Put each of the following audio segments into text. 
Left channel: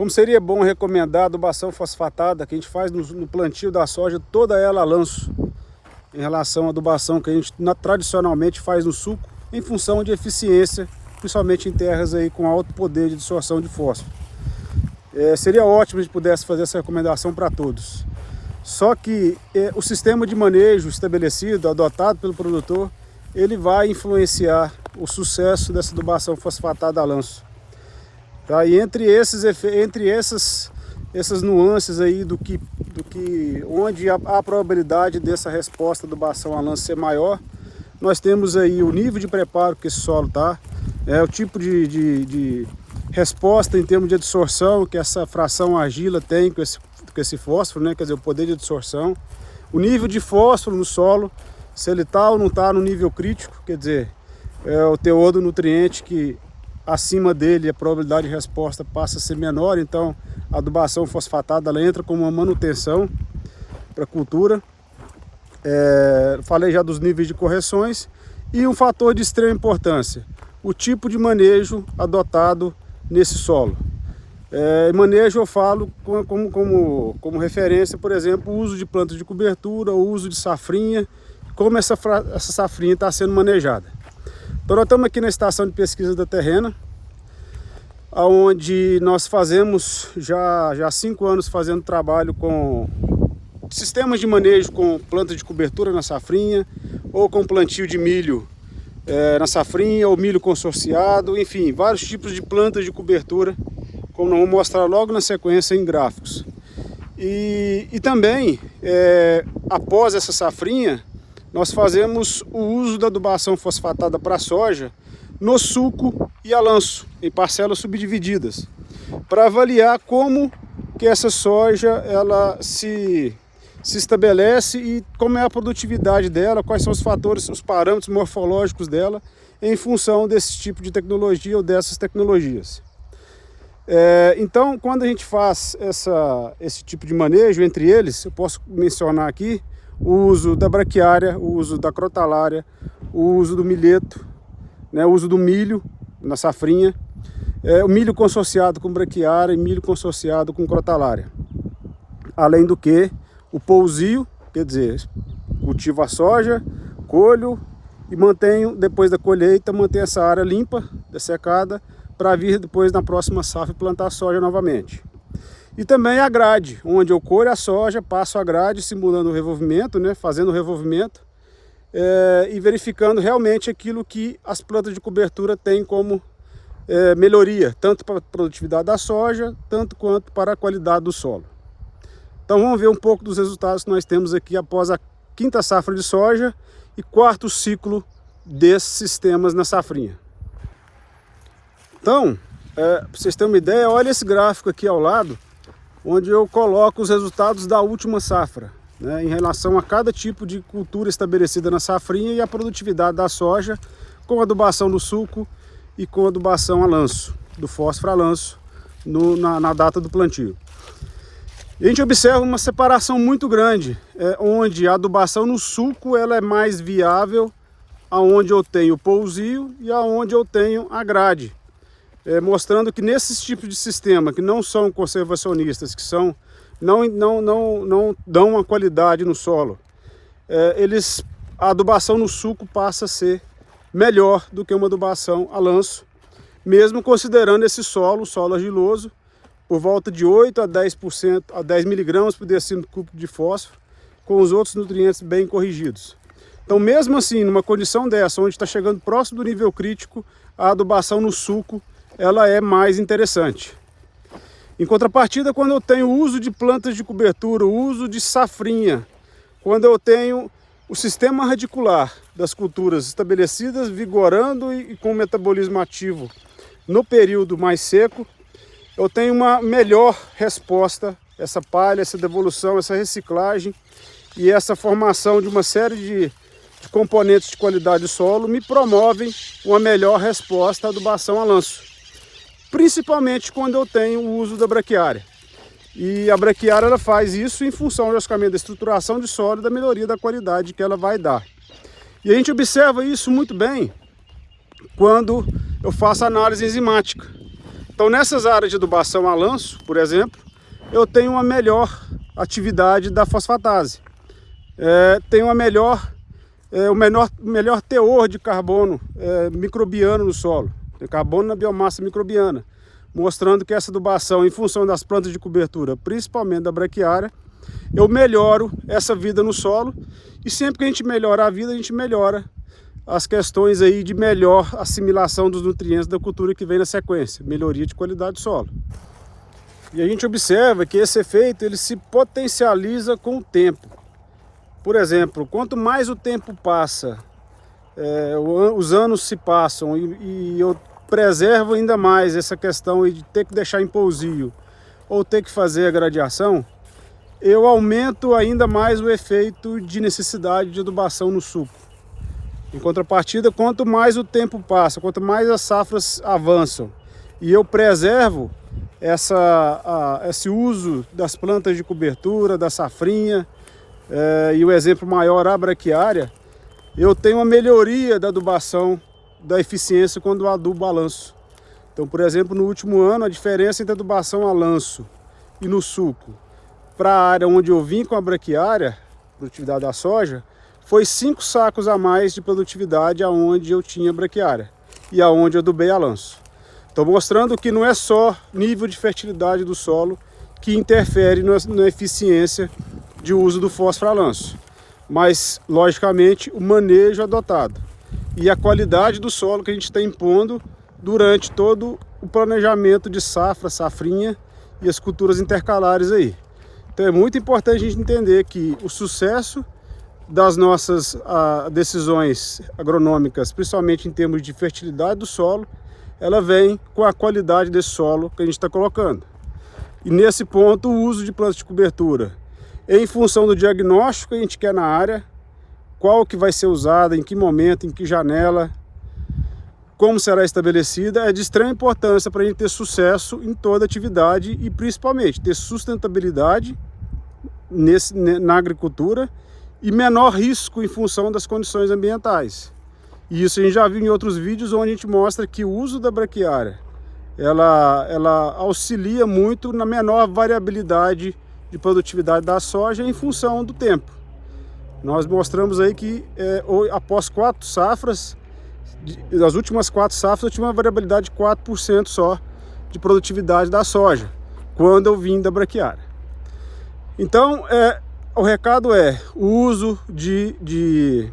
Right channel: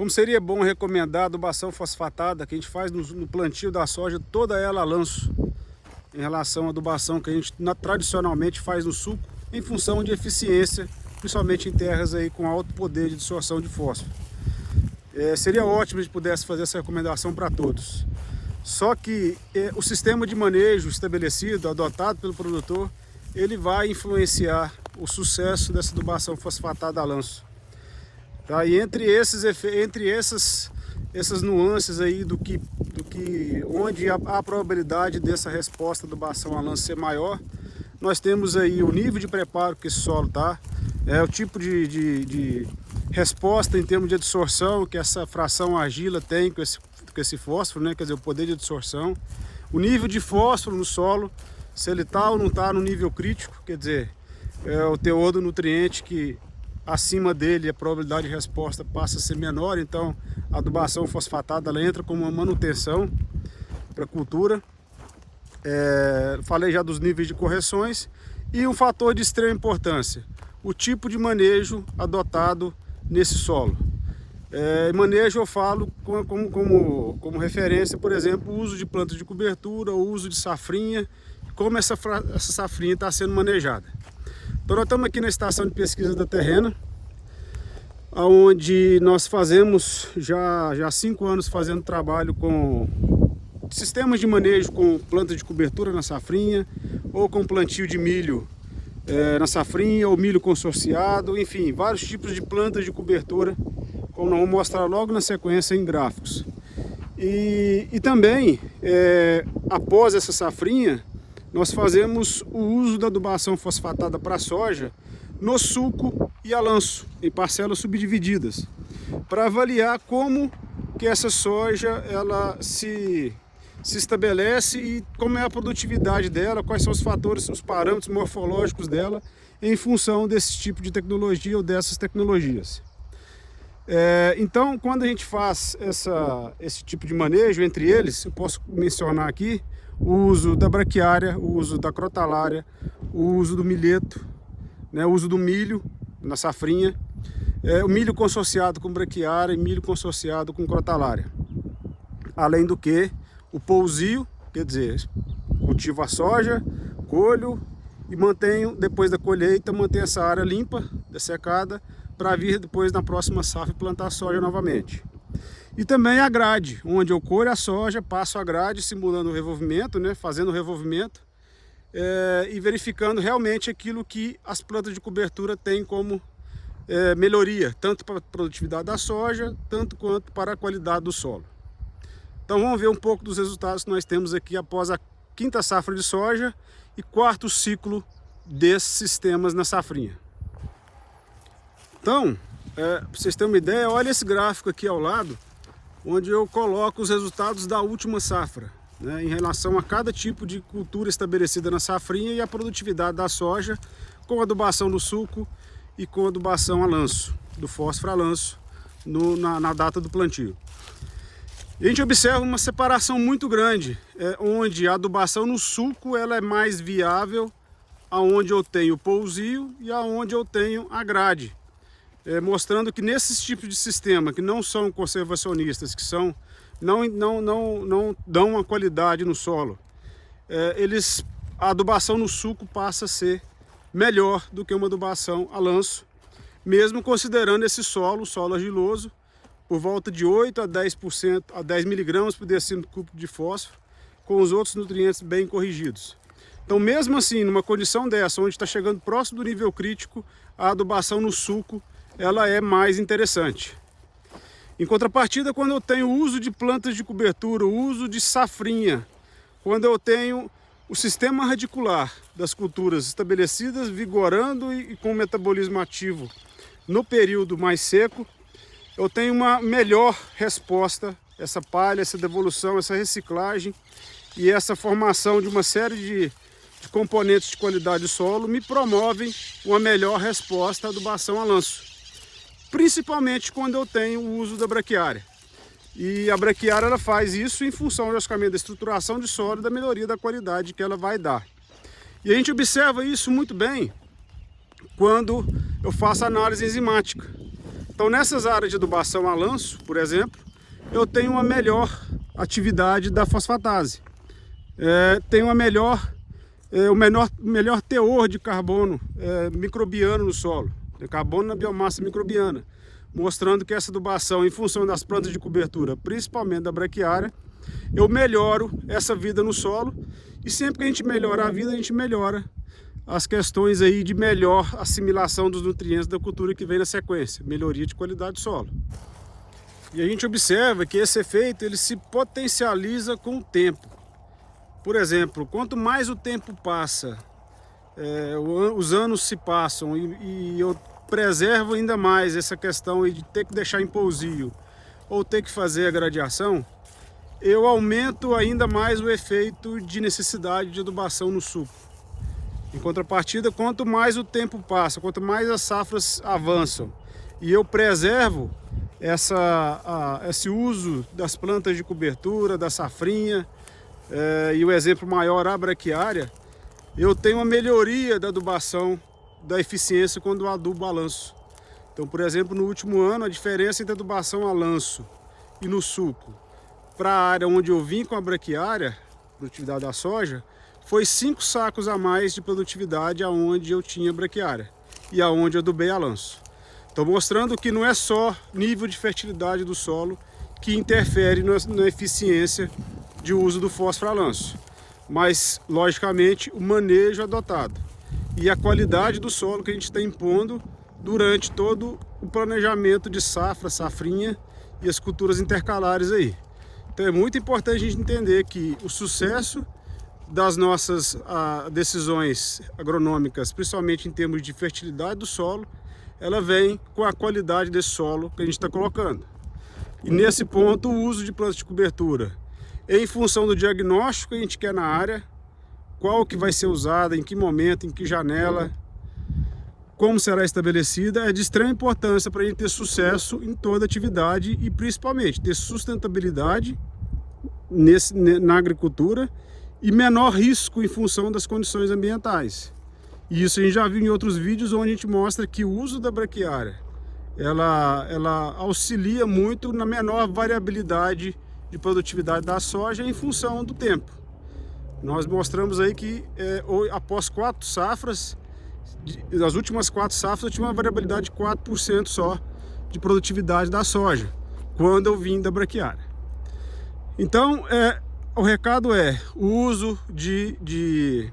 Como seria bom recomendar a adubação fosfatada que a gente faz no plantio da soja, toda ela a lanço, em relação à adubação que a gente tradicionalmente faz no suco, em função de eficiência, principalmente em terras aí com alto poder de absorção de fósforo. Seria ótimo se a gente pudesse fazer essa recomendação para todos. Só que o sistema de manejo estabelecido, adotado pelo produtor, ele vai influenciar o sucesso dessa adubação fosfatada a lanço. Tá? E entre essas nuances aí onde a probabilidade dessa resposta da adubação a lanço ser maior, nós temos aí o nível de preparo que esse solo tá, o tipo de resposta em termos de absorção que essa fração argila tem com esse fósforo, né? Quer dizer, o poder de absorção, o nível de fósforo no solo, se ele está ou não está no nível crítico, quer dizer, o teor do nutriente que acima dele a probabilidade de resposta passa a ser menor, então a adubação fosfatada ela entra como uma manutenção para a cultura. Falei já dos níveis de correções e um fator de extrema importância, o tipo de manejo adotado nesse solo. Manejo eu falo como referência, por exemplo, o uso de plantas de cobertura, o uso de safrinha, como essa safrinha está sendo manejada. Então nós estamos aqui na estação de pesquisa da Terrena, onde nós fazemos já há 5 anos fazendo trabalho com sistemas de manejo com plantas de cobertura na safrinha, ou com plantio de milho na safrinha, ou milho consorciado, enfim, vários tipos de plantas de cobertura, como nós vamos mostrar logo na sequência em gráficos. E também, após essa safrinha, nós fazemos o uso da adubação fosfatada para a soja no suco e a lanço, em parcelas subdivididas, para avaliar como que essa soja ela se estabelece e como é a produtividade dela, quais são os fatores, os parâmetros morfológicos dela em função desse tipo de tecnologia ou dessas tecnologias. Então, quando a gente faz esse tipo de manejo, entre eles, eu posso mencionar aqui o uso da braquiária, o uso da crotalária, o uso do milheto, né, o uso do milho na safrinha, o milho consorciado com braquiária e milho consorciado com crotalária. Além do que o pousio, quer dizer, cultivo a soja, colho e mantenho, depois da colheita, mantenho essa área limpa, dessecada, para vir depois na próxima safra plantar soja novamente. E também a grade, onde eu colho a soja, passo a grade simulando o revolvimento, né, fazendo o revolvimento e verificando realmente aquilo que as plantas de cobertura têm como melhoria, tanto para a produtividade da soja, tanto quanto para a qualidade do solo. Então vamos ver um pouco dos resultados que nós temos aqui após a 5ª safra de soja e 4º ciclo desses sistemas na safrinha. Então, para vocês terem uma ideia, olha esse gráfico aqui ao lado, onde eu coloco os resultados da última safra, né, em relação a cada tipo de cultura estabelecida na safrinha e a produtividade da soja com adubação no suco e com adubação a lanço, do fósforo a lanço, na data do plantio. E a gente observa uma separação muito grande, onde a adubação no suco ela é mais viável aonde eu tenho o pousio e aonde eu tenho a grade. Mostrando que nesses tipos de sistema que não são conservacionistas, que não dão uma qualidade no solo, a adubação no suco passa a ser melhor do que uma adubação a lanço, mesmo considerando esse solo argiloso, por volta de 8 a 10%, a 10 miligramas por decímetro cúbico de fósforo, com os outros nutrientes bem corrigidos. Então, mesmo assim, numa condição dessa, onde está chegando próximo do nível crítico, a adubação no suco ela é mais interessante. Em contrapartida, quando eu tenho o uso de plantas de cobertura, o uso de safrinha, quando eu tenho o sistema radicular das culturas estabelecidas, vigorando e com metabolismo ativo no período mais seco, eu tenho uma melhor resposta, essa palha, essa devolução, essa reciclagem e essa formação de uma série de componentes de qualidade do solo me promovem uma melhor resposta à adubação a lanço. Principalmente quando eu tenho o uso da braquiária. E a braquiária ela faz isso em função, logicamente, da estruturação de solo e da melhoria da qualidade que ela vai dar. E a gente observa isso muito bem quando eu faço análise enzimática. Então nessas áreas de adubação a lanço, por exemplo, eu tenho uma melhor atividade da fosfatase, tenho uma o melhor teor de carbono microbiano no solo, de carbono na biomassa microbiana, mostrando que essa adubação, em função das plantas de cobertura, principalmente da braquiária, eu melhoro essa vida no solo, e sempre que a gente melhora a vida, a gente melhora as questões aí de melhor assimilação dos nutrientes da cultura que vem na sequência, melhoria de qualidade do solo. E a gente observa que esse efeito ele se potencializa com o tempo. Por exemplo, quanto mais o tempo passa, os anos se passam e eu preservo ainda mais essa questão de ter que deixar em pousio ou ter que fazer a gradiação, eu aumento ainda mais o efeito de necessidade de adubação no suco. Em contrapartida, quanto mais o tempo passa, quanto mais as safras avançam e eu preservo esse uso das plantas de cobertura, da safrinha, e o exemplo maior, a braquiária, eu tenho uma melhoria da adubação, da eficiência quando eu adubo a lanço. Então, por exemplo, no último ano, a diferença entre adubação a lanço e no suco, para a área onde eu vim com a braquiária, produtividade da soja, foi 5 sacos a mais de produtividade aonde eu tinha braquiária e aonde eu adubei a lanço. Estou mostrando que não é só nível de fertilidade do solo que interfere na eficiência de uso do fósforo a lanço, mas, logicamente, o manejo adotado e a qualidade do solo que a gente está impondo durante todo o planejamento de safra, safrinha e as culturas intercalares aí. Então é muito importante a gente entender que o sucesso das nossas decisões agronômicas, principalmente em termos de fertilidade do solo, ela vem com a qualidade desse solo que a gente está colocando. E nesse ponto, o uso de plantas de cobertura, em função do diagnóstico que a gente quer na área, qual que vai ser usada, em que momento, em que janela, como será estabelecida, é de extrema importância para a gente ter sucesso em toda atividade e principalmente ter sustentabilidade na agricultura e menor risco em função das condições ambientais. E isso a gente já viu em outros vídeos onde a gente mostra que o uso da braquiária ela auxilia muito na menor variabilidade de produtividade da soja em função do tempo. Nós mostramos aí que após 4 safras, das últimas 4 safras, eu tinha uma variabilidade de 4% só de produtividade da soja, quando eu vim da braquiária. Então, o recado o uso de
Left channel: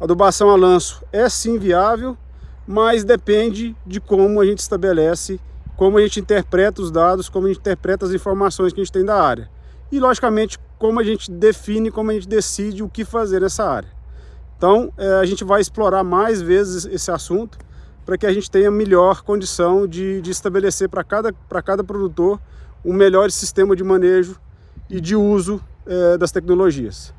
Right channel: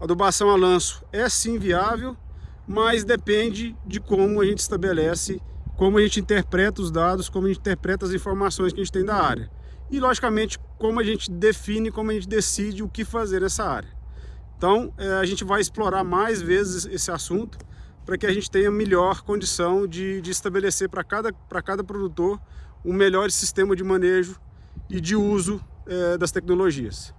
adubação a lanço é sim viável, mas depende de como a gente estabelece, como a gente interpreta os dados, como a gente interpreta as informações que a gente tem da área. E, logicamente, como a gente define, como a gente decide o que fazer nessa área. Então, a gente vai explorar mais vezes esse assunto para que a gente tenha melhor condição de estabelecer para cada produtor um melhor sistema de manejo e de uso das tecnologias.